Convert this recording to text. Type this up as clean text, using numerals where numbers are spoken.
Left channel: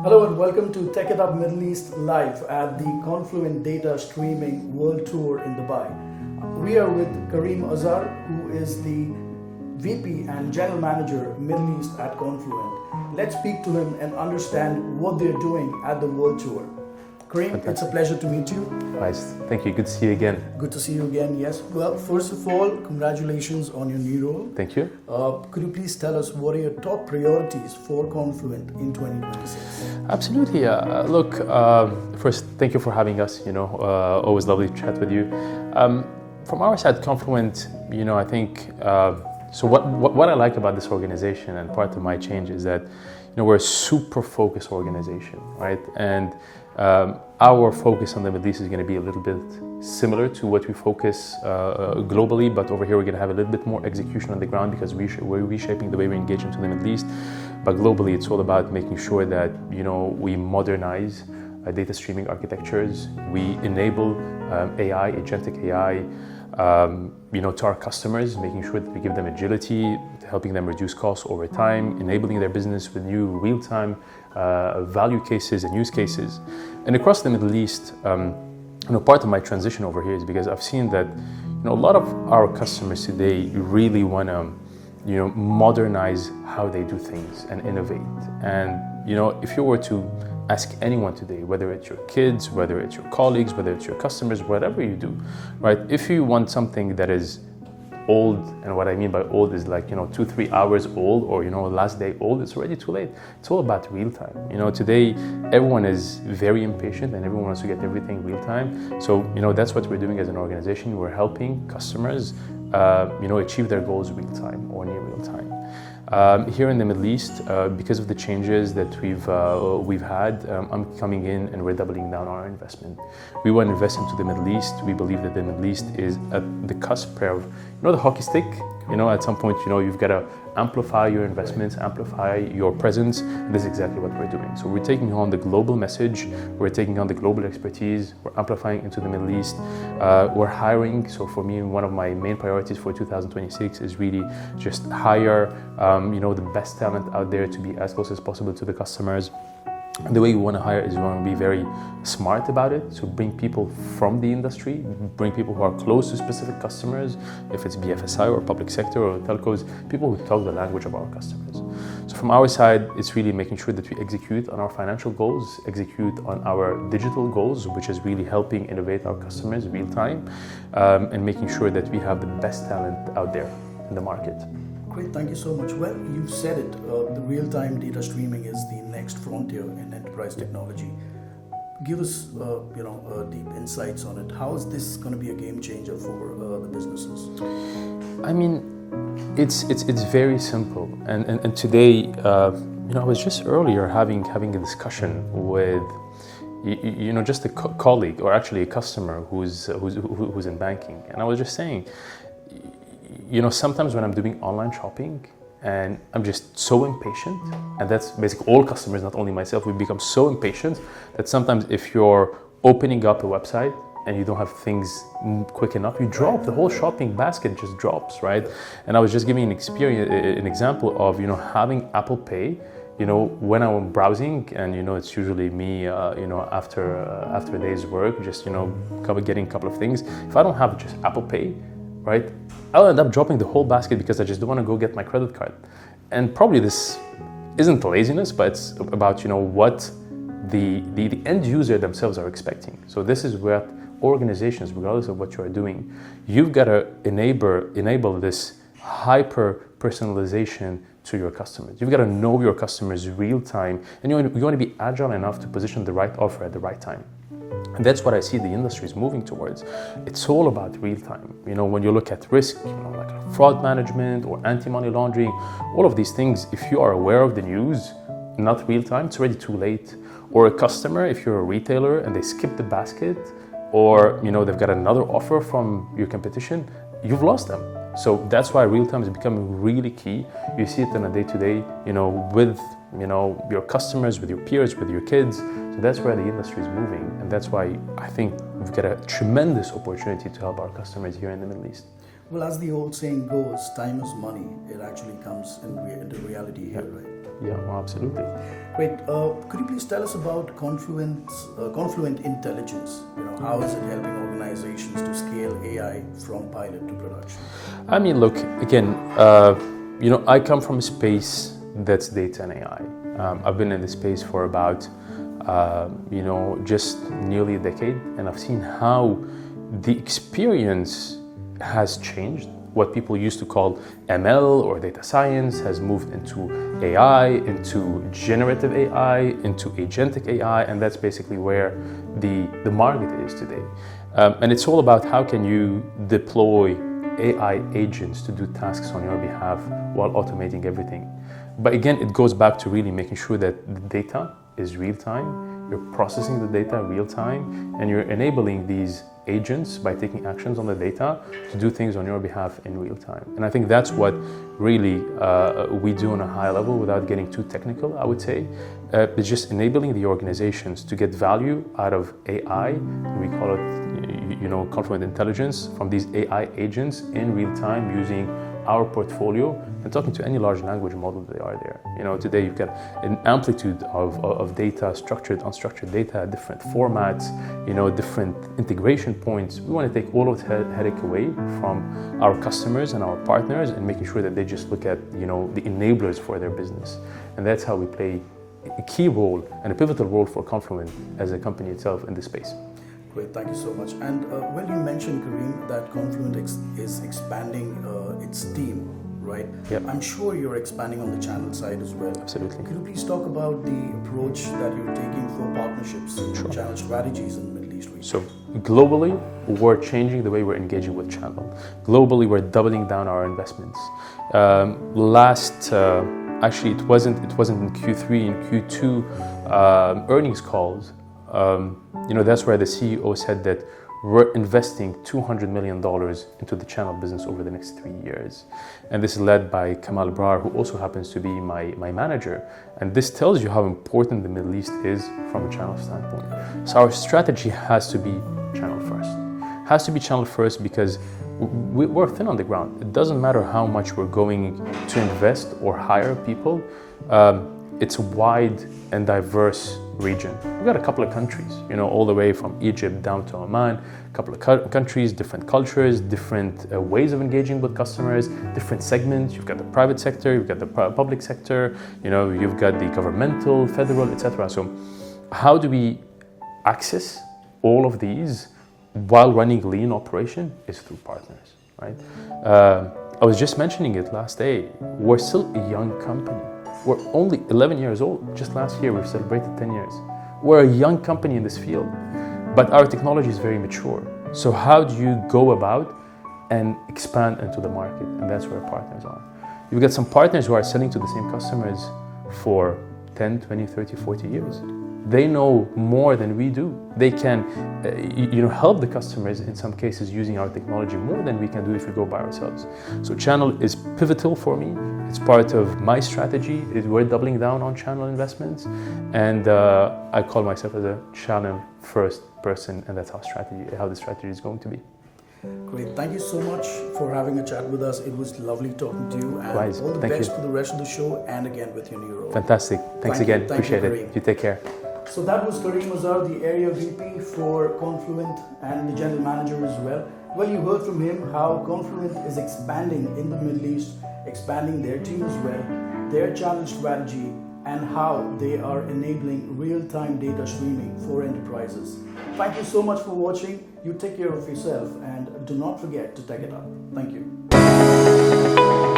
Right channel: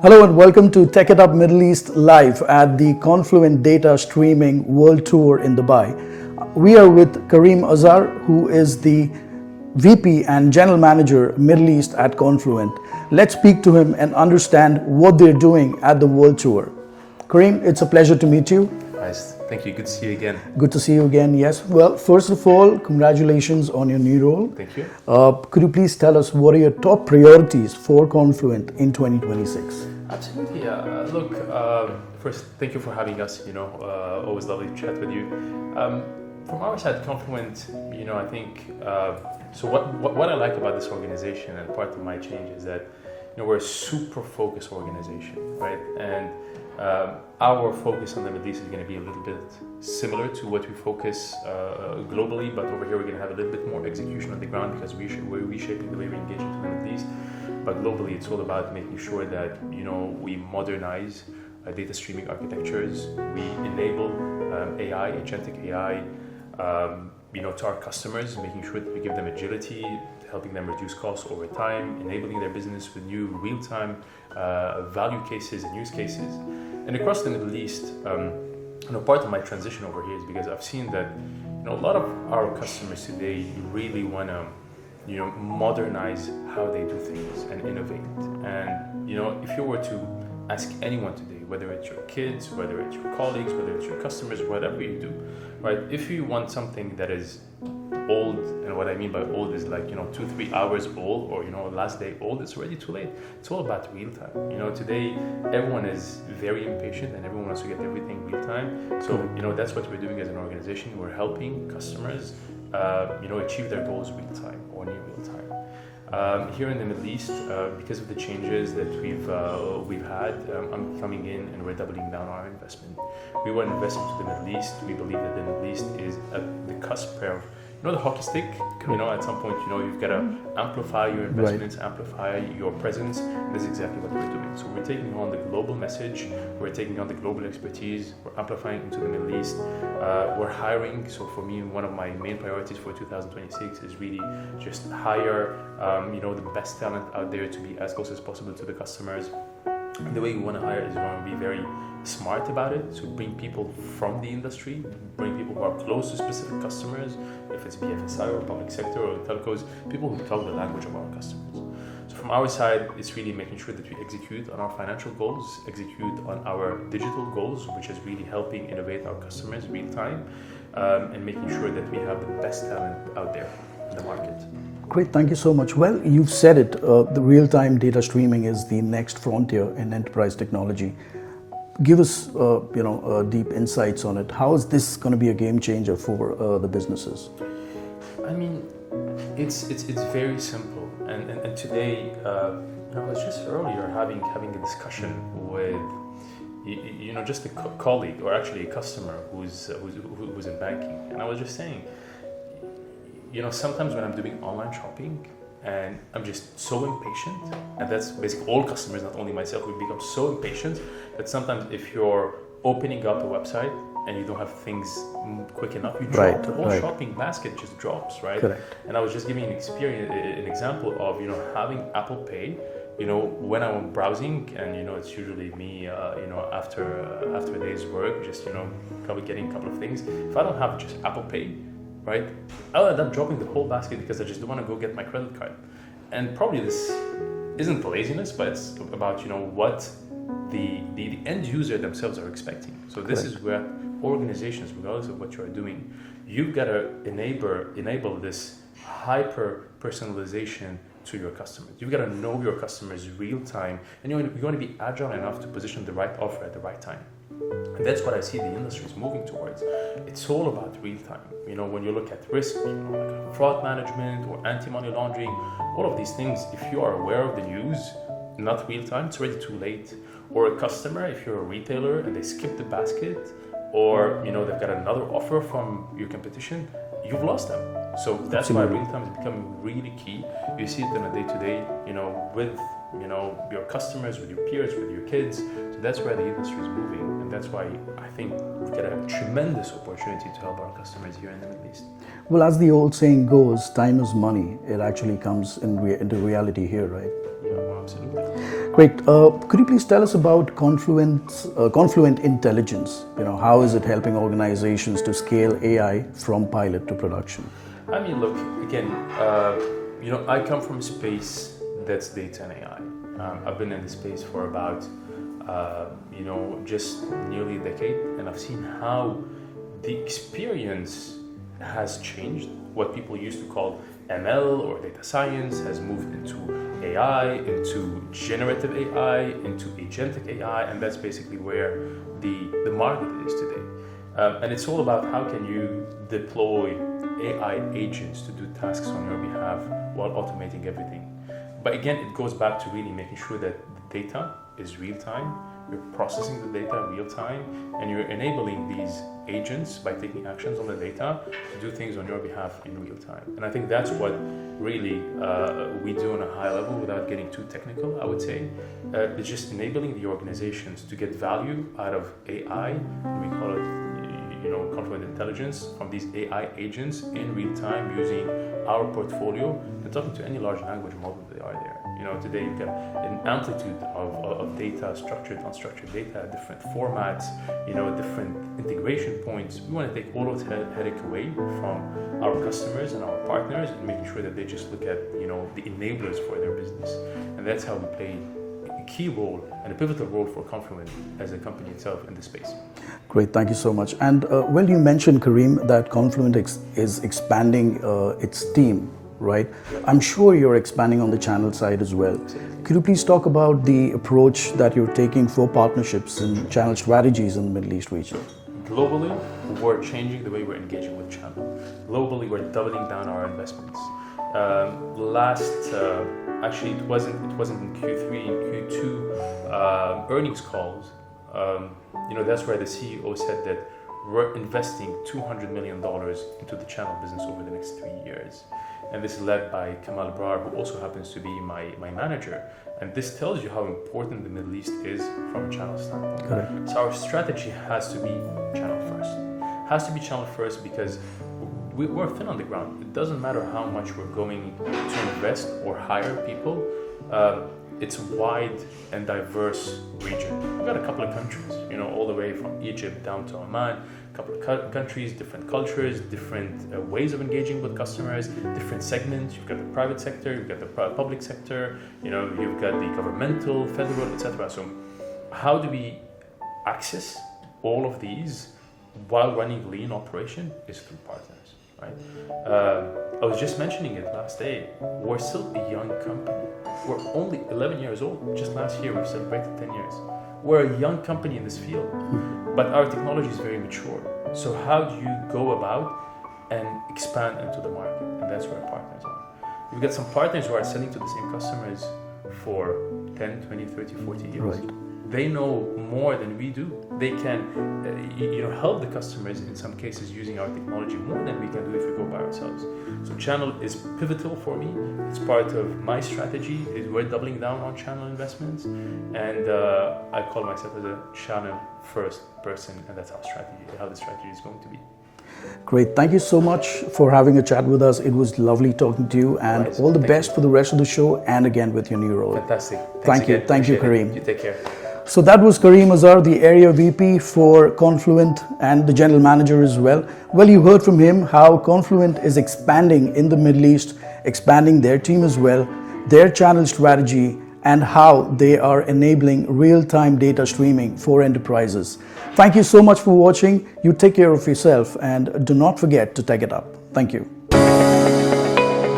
Hello and welcome to Techitup Middle East live at the Confluent Data Streaming World Tour in Dubai. We are with Karim Azar, who is the VP and General Manager Middle East at Confluent. Let's speak to him and understand what they're doing at the World Tour. Karim, it's a pleasure to meet you. Nice. Thank you. Good to see you again. Good to see you again, yes. Well, first of all, congratulations on your new role. Thank you. Could you please tell us what are your top priorities for Confluent in 2026? Absolutely. Look, first, thank you for having us. Always lovely to chat with you. From our side, Confluent, I think, so what I like about this organization and part of my change is that, we're a super focused organization, right? And our focus on the Middle East is going to be a little bit similar to what we focus globally, but over here we're going to have a little bit more execution on the ground because we're reshaping the way we engage into the Middle East. But globally, it's all about making sure that we modernize data streaming architectures, we enable AI, agentic AI, to our customers, making sure that we give them agility, helping them reduce costs over time, enabling their business with new real-time value cases and use cases. And across the Middle East, part of my transition over here is because I've seen that a lot of our customers today really want to modernize how they do things and innovate. And if you were to ask anyone today, whether it's your kids, whether it's your colleagues, whether it's your customers, whatever you do, right? If you want something that is old, and what I mean by old is like 2-3 hours old, or last day old, it's already too late. It's all about real time. Today everyone is very impatient and everyone wants to get everything real time. So that's what we're doing as an organization. We're helping customers achieve their goals real time or near real time. Here in the Middle East, because of the changes that we've had, I'm coming in and we're doubling down on our investment. We want to invest into the Middle East. We believe that the Middle East is at the cusp of, the hockey stick. At some point, you've got to amplify your investments, right, amplify your presence. And this is exactly what we're doing. So we're taking on the global message. We're taking on the global expertise. We're amplifying into the Middle East. We're hiring. So for me, one of my main priorities for 2026 is really just hire, the best talent out there to be as close as possible to the customers. And the way you want to hire is you want to be very smart about it. So bring people from the industry, bring people who are close to specific customers, if it's BFSI or public sector or telcos, people who talk the language of our customers. So from our side, it's really making sure that we execute on our financial goals, execute on our digital goals, which is really helping innovate our customers real time, and making sure that we have the best talent out there in the market. Great, thank you so much. Well, you've said it, the real-time data streaming is the next frontier in enterprise technology. Give us, deep insights on it. How is this going to be a game changer for the businesses? I mean, it's very simple. And today, I was just earlier having a discussion with, just a colleague or actually a customer who's in banking, and I was just saying, sometimes when I'm doing online shopping and I'm just so impatient, and that's basically all customers, not only myself, we become so impatient that sometimes if you're opening up a website and you don't have things quick enough, you drop right, the whole right. shopping basket just drops, right? Correct. And I was just giving an example of, having Apple Pay, when I'm browsing, and it's usually me, after a day's work, just getting a couple of things. If I don't have just Apple Pay, right, I'll end up dropping the whole basket because I just don't want to go get my credit card. And probably this isn't laziness, but it's about what the end user themselves are expecting. So this is where organizations, regardless of what you are doing, you've got to enable this hyper personalization to your customers. You've got to know your customers real time, and you want to be agile enough to position the right offer at the right time. And that's what I see the industry is moving towards. It's all about real time. When you look at risk, like fraud management or anti-money laundering, all of these things, if you are aware of the news, not real time, it's already too late. Or a customer, if you're a retailer and they skip the basket, or they've got another offer from your competition, you've lost them. So that's why real time is becoming really key. You see it on a day-to-day, with your customers, with your peers, with your kids. So that's where the industry is moving, and that's why I think we've got a tremendous opportunity to help our customers here in the Middle East. Well, as the old saying goes, time is money. It actually comes into reality here, right? Yeah, well, absolutely. Great. Could you please tell us about Confluent Intelligence? How is it helping organizations to scale AI from pilot to production? I mean, look, again, I come from a space that's data and AI. I've been in this space for about, just nearly a decade, and I've seen how the experience has changed. What people used to call ML or data science has moved into AI, into generative AI, into agentic AI, and that's basically where the market is today. And it's all about how can you deploy AI agents to do tasks on your behalf while automating everything. But again, it goes back to really making sure that the data is real time, you're processing the data real time, and you're enabling these agents by taking actions on the data to do things on your behalf in real time. And I think that's what really we do on a high level without getting too technical, I would say. It's just enabling the organizations to get value out of AI, we call it Confluent Intelligence, from these AI agents in real time using our portfolio and talking to any large language model that are there. Today you've got an amplitude of data, structured, unstructured data, different formats, different integration points. We want to take all of the headache away from our customers and our partners and making sure that they just look at, the enablers for their business. And that's how we play a key role and a pivotal role for Confluent as a company itself in this space. Great, thank you so much. And you mentioned, Karim, that Confluent is expanding its team, right? Yep. I'm sure you're expanding on the channel side as well. Absolutely. Could you please talk about the approach that you're taking for partnerships and channel strategies in the Middle East region? So globally, we're changing the way we're engaging with channel. Globally, we're doubling down our investments. Actually, it wasn't in Q3, in Q2 earnings calls. That's where the CEO said that we're investing $200 million into the channel business over the next 3 years. And this is led by Kamal Brar, who also happens to be my manager. And this tells you how important the Middle East is from a channel standpoint. Correct. So our strategy has to be channel first. Has to be channel first because we're thin on the ground. It doesn't matter how much we're going to invest or hire people. It's a wide and diverse region. We've got a couple of countries, all the way from Egypt down to Oman, a couple of countries, different cultures, different ways of engaging with customers, different segments. You've got the private sector, you've got the public sector, you've got the governmental, federal, etc. So how do we access all of these while running lean operation is through partners, right? I was just mentioning it last day. We're still a young company. We're only 11 years old. Just last year, we've celebrated 10 years. We're a young company in this field, but our technology is very mature. So how do you go about and expand into the market? And that's where our partners are. We've got some partners who are selling to the same customers for 10, 20, 30, 40 years. Right. They know more than we do. They can help the customers in some cases using our technology more than we can do if we go by ourselves. So channel is pivotal for me. It's part of my strategy. We're doubling down on channel investments. And I call myself as a channel first person, and that's how the strategy is going to be. Great. Thank you so much for having a chat with us. It was lovely talking to you, and all the best for the rest of the show and again with your new role. Fantastic. Thanks again. Thank you, Karim. You take care. So that was Karim Azar, the Area VP for Confluent and the General Manager as well. Well, you heard from him how Confluent is expanding in the Middle East, expanding their team as well, their channel strategy, and how they are enabling real-time data streaming for enterprises. Thank you so much for watching. You take care of yourself and do not forget to take it up. Thank you.